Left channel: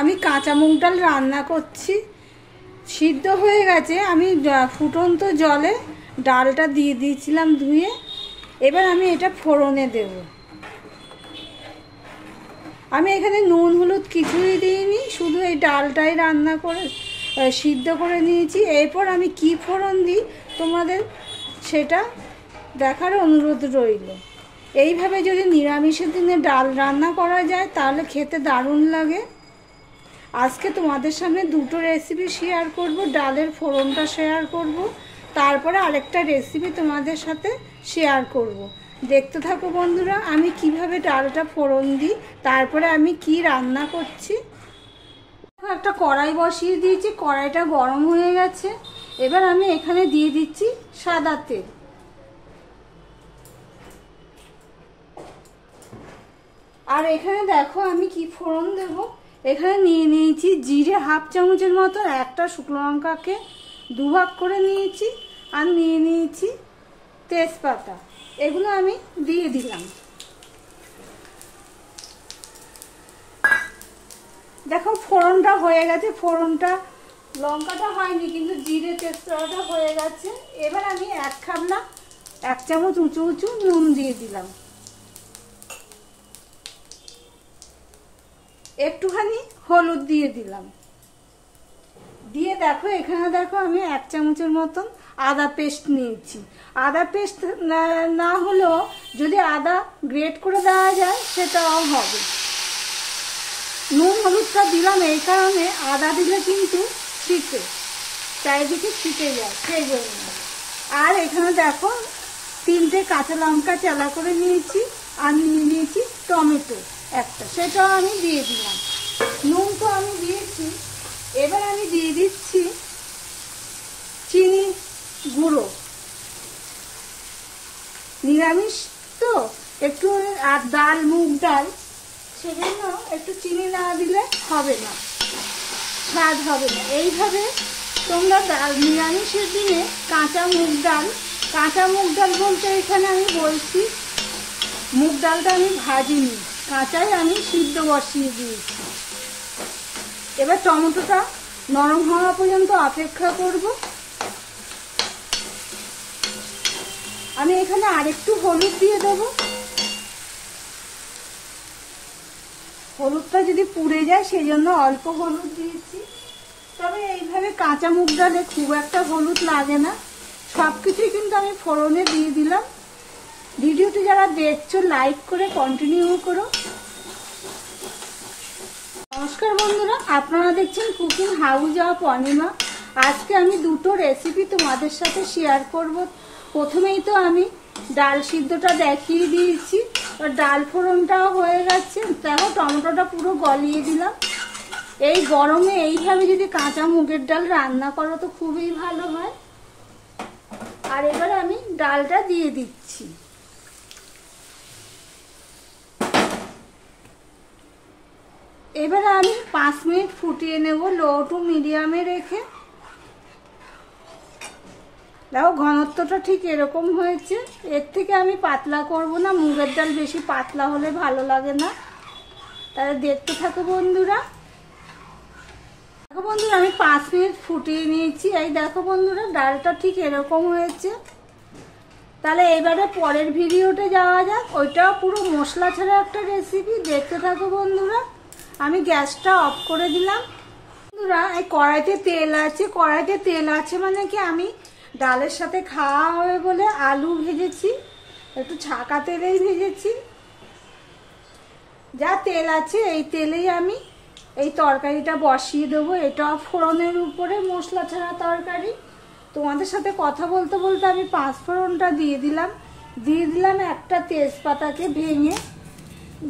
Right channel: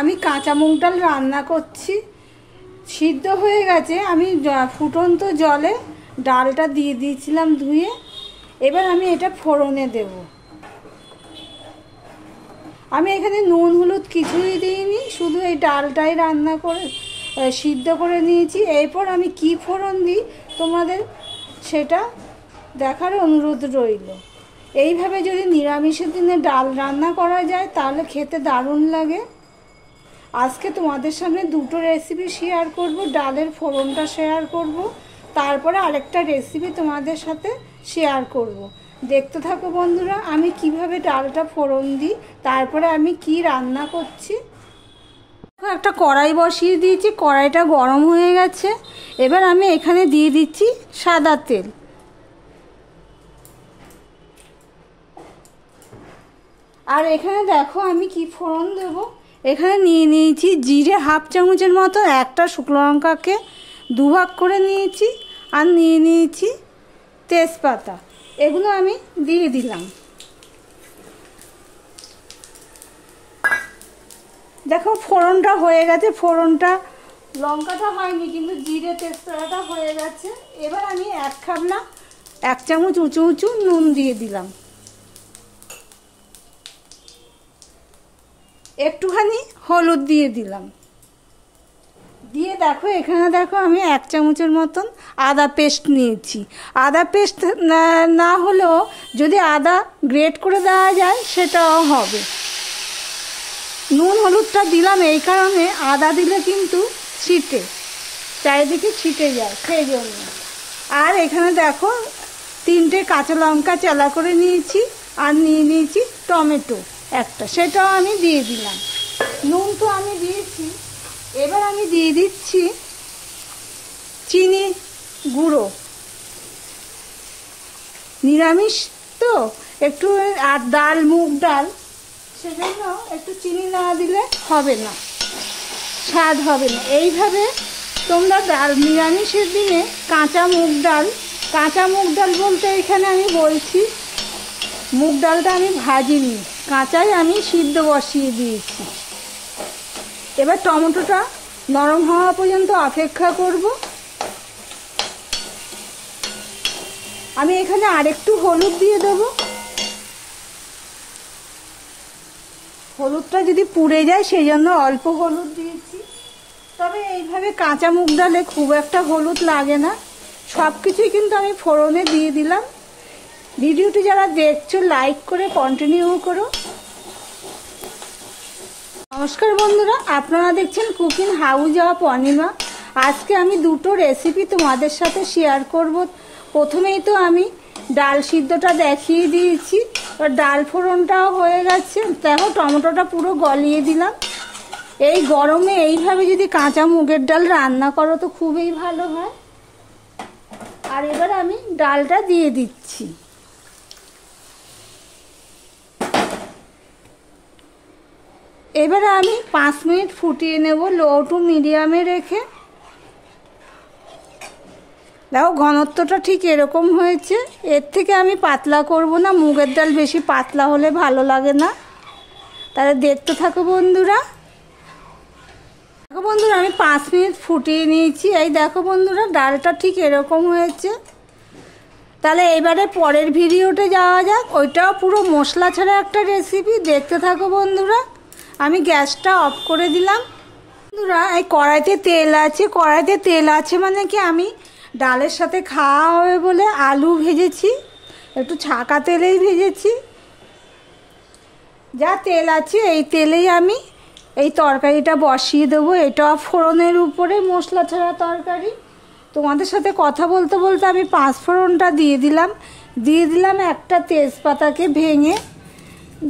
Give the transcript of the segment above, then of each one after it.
আমি কাঁচা মুগ ডাল রান্না করছি। সিদ্ধ হয়ে গেছে, আমি ফুটন্ত জলে ডালটা দিয়ে দিয়েছিলাম ধুয়ে। এবার আমি এটা ফোড়নে দেব। আমি এখানে নুন হলুদ কিছুই দিইনি, শুধু এই ডালটাই রান্না করে সিদ্ধ করে নিয়েছি। এরপর আমি কি ফোড়ন দিই তোমাদের সেটা দেখার অনুরোধ রইল। এইভাবে যদি নিরামিষের দিনে ডাল রান্না করা যায় তাহলে খেতে দারুণ লাগে। আজকে তোমাদের সামনে দুটো রেসিপি শেয়ার করব, ডালের ফোড়নটা শেয়ার করব, তারপরে আরেকটা রেসিপি তোমাদের সাথে শেয়ার করব। দেখতে থাকো বন্ধুরা, আমি কিভাবে ডালটা ফোড়ন দিই, তারপরে আমি কি রান্না করছি। একটা কড়াই বসিয়ে দিয়েছি, কড়াইটা গরম হয়ে গেছে। এবার আমি এখানে দিয়ে দিচ্ছি সাদা তেল। আর এখানে দেখো আমি কি ফোড়ন দেব। এখানে নিয়ে নিয়েছি জিরে হাফ চামচের মতো, একটা শুকনো লঙ্কাকে দুভাগ করে নিয়েছি, আর নিয়ে নিয়েছি তেজপাতা। এগুলো আমি দিয়ে দিলাম। দেখো ফোড়নটা হয়ে গেছে, ফোড়নটা লঙ্কাটা হয়নি কিন্তু জিরে তেজপাতাটা হয়ে গেছে। এবার আমি এক চামচ উঁচু উঁচু নুন দিয়ে দিলাম, একটুখানি হলুদ দিয়ে দিলাম। দিয়ে দেখো এখানে দেখো আমি এক চামচের মতন আদা পেস্ট নিয়েছি। আদা পেস্ট না হলেও যদি আদা গ্রেট করে দেওয়া যায় সেটাও হবে। নুন হলুদটা দিলাম এই কারণে, আদা দিলে কিন্তু ছিটে, চারিদিকে ছিটে যায় সেই জন্য। আর এখানে দেখো 3টে কাঁচা লঙ্কা চেলা করে নিয়েছি, আর নিয়ে নিয়েছি টমেটো একটা, সেটাও আমি দিয়ে দিলাম। নুন তো আমি দিয়েছি। এবার আমি দিয়ে দিচ্ছি চিনি গুঁড়ো। নিরামিষ তো একটু, আর ডাল মুগ ডাল, সেজন্য একটু চিনি না দিলে হবে না, স্বাদ হবে না। এইভাবে তোমরা ডাল নিরামিষের দিনে কাঁচা মুগ ডাল বলতে এখানে আমি বলছি মুগ ডালটা আমি ভাজিনি, কাঁচাই আমি সিদ্ধ বসিয়ে দিয়েছি। এবার টমেটোটা নরম হওয়া পর্যন্ত অপেক্ষা করব। আমি এখানে আরেকটু হলুদ দিয়ে দেব। হলুদটা যদি পুড়ে যায় সেই জন্য অল্প হলুদ দিয়েছি। তবে এইভাবে কাঁচা মুগ ডালে খুব একটা হলুদ লাগে না। সব কিছুই কিন্তু আমি ফোড়নে দিয়ে দিলাম। ভিডিওটি যারা দেখছো লাইক করে কন্টিনিউ করো। নমস্কার বন্ধুরা, আপনারা দেখছেন কুকিং হাউস অফ অনিমা। আজকে আমি দুটো রেসিপি তোমাদের সাথে শেয়ার করব। প্রথমেই তো আমি ডাল সিদ্ধটা দেখিয়ে দিয়েছি, আর ডাল ফোড়নটাও হয়ে গেছে। দেখো টমেটোটা পুরো গলিয়ে দিলাম। এই গরমে এইভাবে যদি কাঁচা মুগের ডাল রান্না করো তো খুবই ভালো হয়। আর এবার আমি ডালটা দিয়ে দিচ্ছি। এবারে আমি 5 মিনিট ফুটিয়ে নেব লো টু মিডিয়ামে রেখে। দেখো ঘনত্বটা ঠিক এরকম হয়েছে, এর থেকে আমি পাতলা করব না, মুগের ডাল বেশি পাতলা হলে ভালো লাগে না। তাহলে দেখতে থাকো বন্ধুরা। দেখো বন্ধুরা আমি 5 মিনিট ফুটিয়ে নিয়েছি। এই দেখো বন্ধুরা ডালটা ঠিক এরকম হয়েছে। তাহলে এবারে পরের ভিডিওতে যাওয়া যাক, ওইটাও পুরো মশলা ছাড়া একটা রেসিপি। দেখতে থাকো বন্ধুরা। আমি গ্যাসটা অফ করে দিলাম। বন্ধুরা এই কড়াইতে তেল আছে মানে কি আমি ডালের সাথে খাওয়া হবে বলে আলু ভেজেছি, একটু ছাকা তেলেই ভেজেছি। যা তেল আছে এই তেলেই আমি এই তরকারিটা বসিয়ে দেবো। এটা ফোড়নের উপরে মশলা ছাড়া তরকারি। তোমাদের সাথে কথা বলতে বলতে আমি 5 ফোড়নটা দিয়ে দিলাম একটা তেজপাতাকে ভেঙে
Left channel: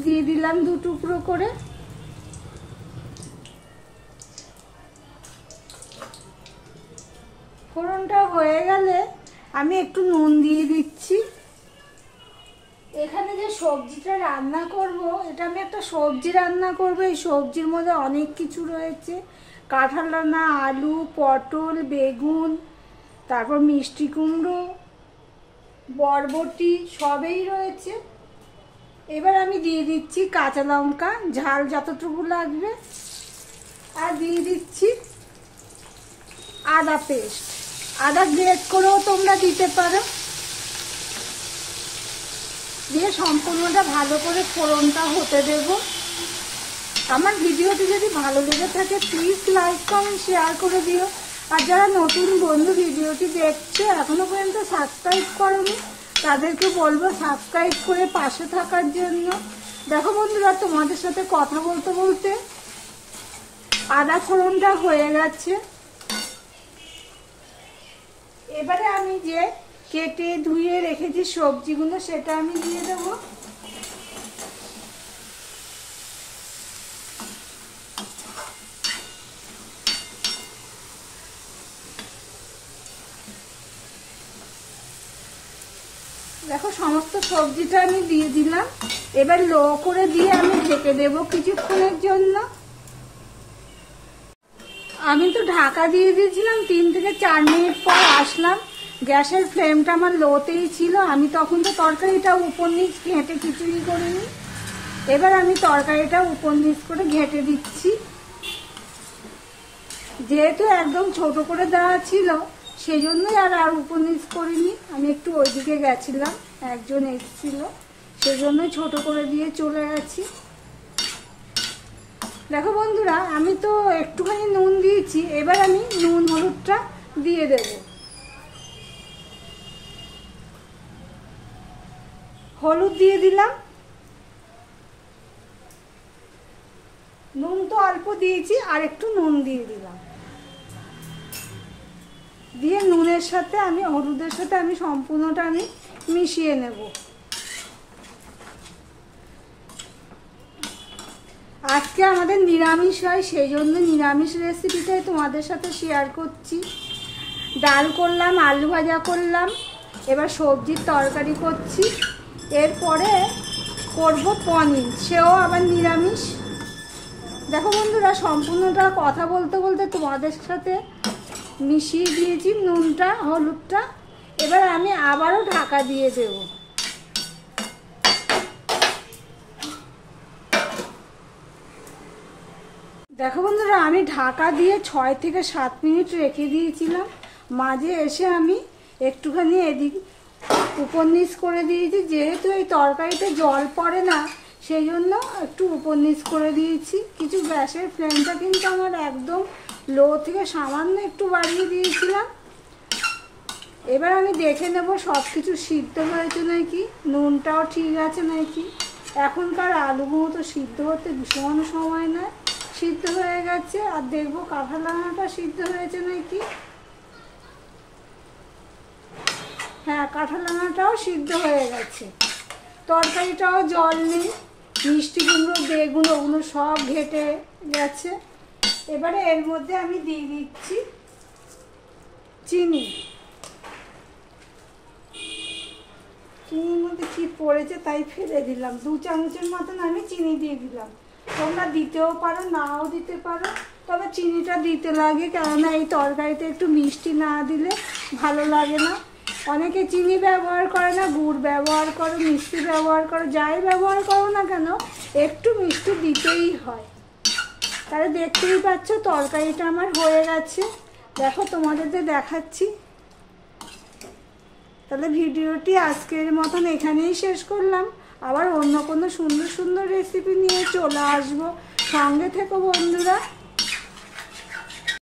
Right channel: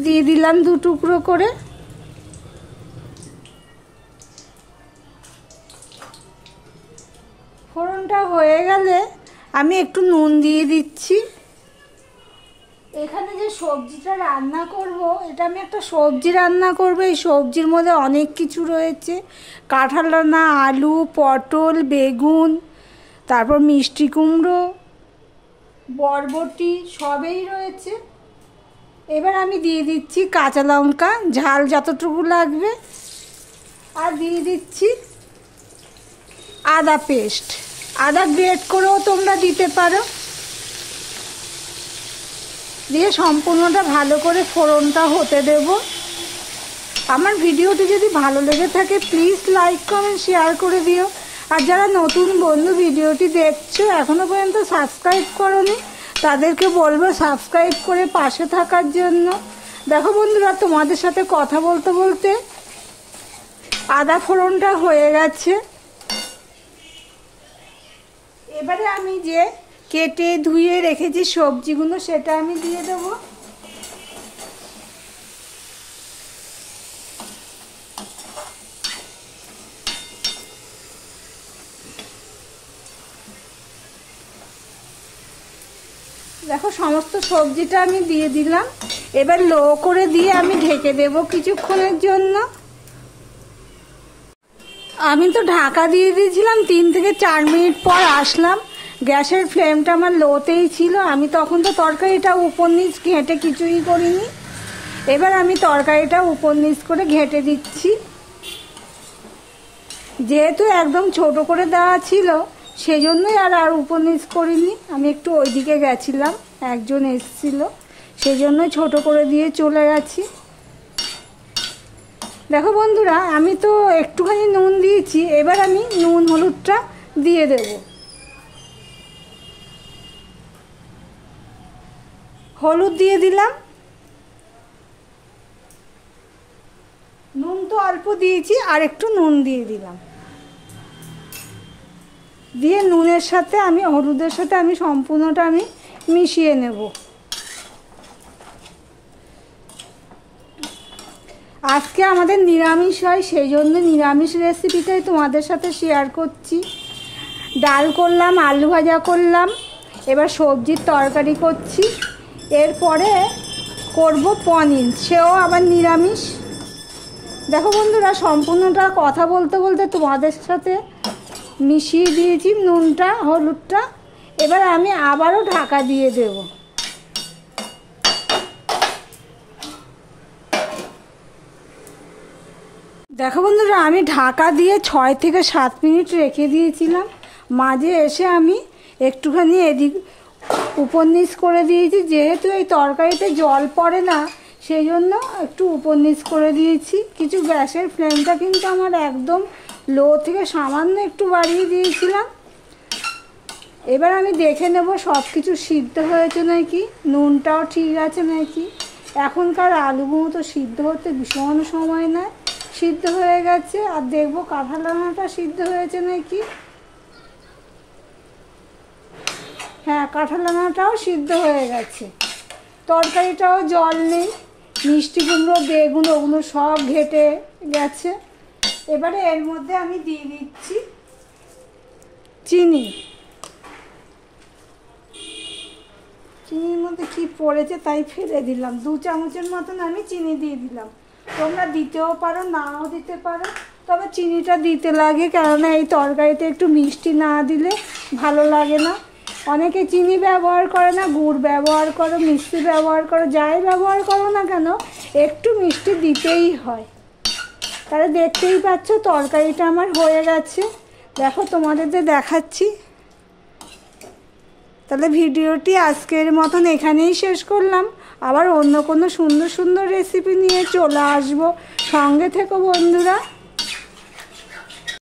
দিয়ে দিলাম 2 টুকরো করে। ফোড়নটা হয়ে গেলে আমি একটু নুন দিয়ে দিচ্ছি। এখানে যে সবজিটা রান্না করব, এটা আমি একটা সবজি রান্না করব। এই সবজির মধ্যে অনেক কিছু রয়েছে, কাঁঠাল রান্না, আলু, পটল, বেগুন, তারপর মিষ্টি কুমড়ো, বরবটি সবই রয়েছে। এবার আমি দিয়ে দিচ্ছি কাঁচা লঙ্কা, ঝাল যতটুকু লাগবে। আর দিয়ে দিচ্ছি আদা পেস্ট, আদা গ্রেট করেও তোমরা দিতে পারো। দিয়ে সম্পূর্ণটা ভালো করে ফোড়নটা হতে দেব। আমার ভিডিওটি যদি ভালো লেগে থাকে প্লিজ লাইক কমেন্ট শেয়ার করে দিও। আর যারা নতুন বন্ধু ভিডিওটি দেখছো এখনো পর্যন্ত সাবস্ক্রাইব করোনি তাদেরকে বলবো সাবস্ক্রাইব করে পাশে থাকার জন্য। দেখো বন্ধুরা, তোমাদের সাথে কথা বলতে বলতে আদা ফোড়নটা হয়ে গেছে। এবারে আমি যে কেটে ধুয়ে রেখেছি সবজিগুলো সেটা আমি দিয়ে দেবো। দেখো সমস্ত সবজিটা আমি দিয়ে দিলাম। এবার লো করে দিয়ে আমি ঢেকে দেব কিছুক্ষণের জন্য। আমি তো ঢাকা দিয়ে দিয়েছিলাম, 3 থেকে 4 মিনিট পর আসলাম। গ্যাসের ফ্লেমটা আমার লোতেই ছিল। আমি তখন তো তরকারিটা উপর নিচ ঘেঁটে কিছুই করিনি। এবার আমি তরকারিটা উপর নিচ করে ঘেঁটে দিচ্ছি। যেহেতু একদম ছোট করে দেওয়া ছিল সেই জন্যই আর উপর নিচ করিনি। আমি একটু ওইদিকে গেছিলাম, একজন এসেছিল, সেই জন্যই ছোট করে দিয়ে চলে গেছি। দেখো বন্ধুরা, আমি তো একটুখানি নুন দিয়েছি। এবার আমি নুন হলুদটা দিয়ে দেব। হলুদ দিয়ে দিলাম, নুন তো অল্প দিয়েছি, আর একটু নুন দিয়ে দিলাম। দিয়ে নুনের সাথে আমি হলুদের সাথে আমি সম্পূর্ণটা আমি মিশিয়ে নেব। আজকে আমাদের নিরামিষ হয়, সেই জন্য নিরামিষ রেসিপিটাই তোমাদের সাথে শেয়ার করছি। ডাল করলাম, আলু ভাজা করলাম, এবার সবজির তরকারি করছি। এরপরে করব পনির, সেও আবার নিরামিষ। দেখো বন্ধুরা, সম্পূর্ণটা কথা বলতে বলতে তোমাদের সাথে মিশিয়ে দিয়েছি নুনটা হলুদটা। এবার আমি আবারও ঢাকা দিয়ে দেব। দেখো বন্ধুরা, আমি ঢাকা দিয়ে 6 থেকে 7 মিনিট রেখে দিয়েছিলাম। মাঝে এসে আমি একটুখানি এদিক উপর নিচ করে দিয়েছি। যেহেতু এই তরকারিতে জল পড়ে না সেই জন্য একটু উপর নিচ করে দিয়েছি। কিছু গ্যাসের ফ্লেমটা কিন্তু আমার একদম লো থেকে সামান্য একটু বাড়িয়ে দিয়েছিলাম। এবার আমি দেখে নেব সব কিছু সিদ্ধ হয়েছে নাকি, নুনটাও ঠিক আছে নাকি। এখনকার আলুগুলো তো সিদ্ধ হতে ভীষণ সময় নেয়। সিদ্ধ হয়ে গেছে। আর দেখবো কাঁঠাল রান্নাটা সিদ্ধ হয়েছে নাকি। হ্যাঁ, কাঁঠাল রান্নাটাও সিদ্ধ হয়ে গেছে। তরকারিটাও জল নেই, মিষ্টি কুমড়ো বেগুন ওগুলো সব ঘেটে গেছে। এবারে এর মধ্যে আমি দিয়ে দিচ্ছি চিনি। চিনির মধ্যে কি পড়েছে তাই ফেলে দিলাম। 2 চামচের মতন আমি চিনি দিয়ে দিলাম। তোমরা দিতেও পারো, নাও দিতে পারো, তবে চিনিটা দিতে লাগে, কেননা এই তরকারিতে একটু মিষ্টি না দিলে ভালো লাগে না। অনেকে চিনি ব্যবহার করে না, গুড় ব্যবহার করো, মিষ্টি ব্যবহার করো, যাই ব্যবহার করো না কেন একটু মিষ্টি দিতেই হয়। তাহলে দেখতেই পাচ্ছ তরকারিটা আমার হয়ে গেছে। দেখো তোমাদের দেখাচ্ছি। তাহলে ভিডিওটি আজকের মতন এখানেই শেষ করলাম। আবার অন্য কোনো সুন্দর সুন্দর রেসিপি নিয়ে চলে আসবো। সঙ্গে থেকো বন্ধুরা।